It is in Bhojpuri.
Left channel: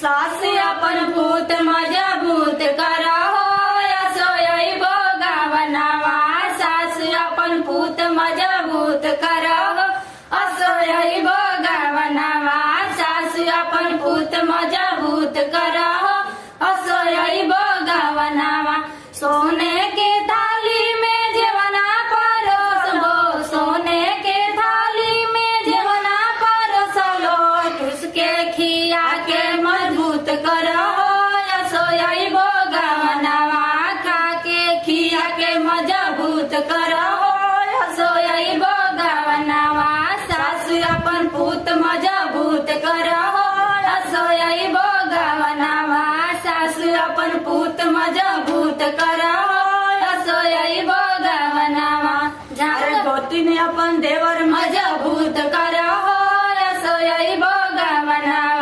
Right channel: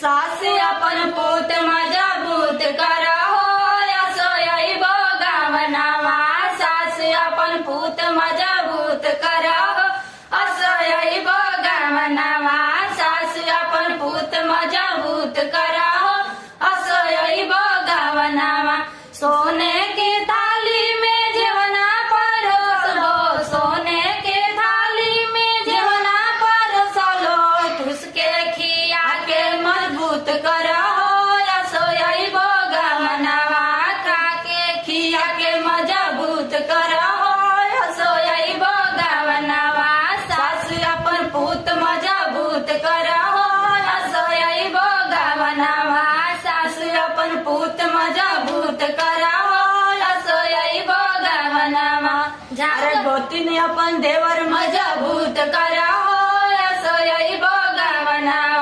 सासू आपण भूत मजबूत करा होय सोयी बघावनावा सासू आपण भूत मजबूत करा असोयी बघावनावा सासू आपण भूत मजबूत करा असोयी बघावनावा सोने की थाली में जेवना परोसलो सोने के थाली में जेवना परोसलो तुसके खिया के मजबूत करो असोयी बघावनावा खा के खिया के मजबूत करो असोयी बघावनावा सासू आपण भूत मजबूत करो असोयी बघावनावा सासू आपण भूत मजबूत करो असोयी बघावनावा अरे गोतीने आपण देवर मजबूत करो असोयी बघावनावा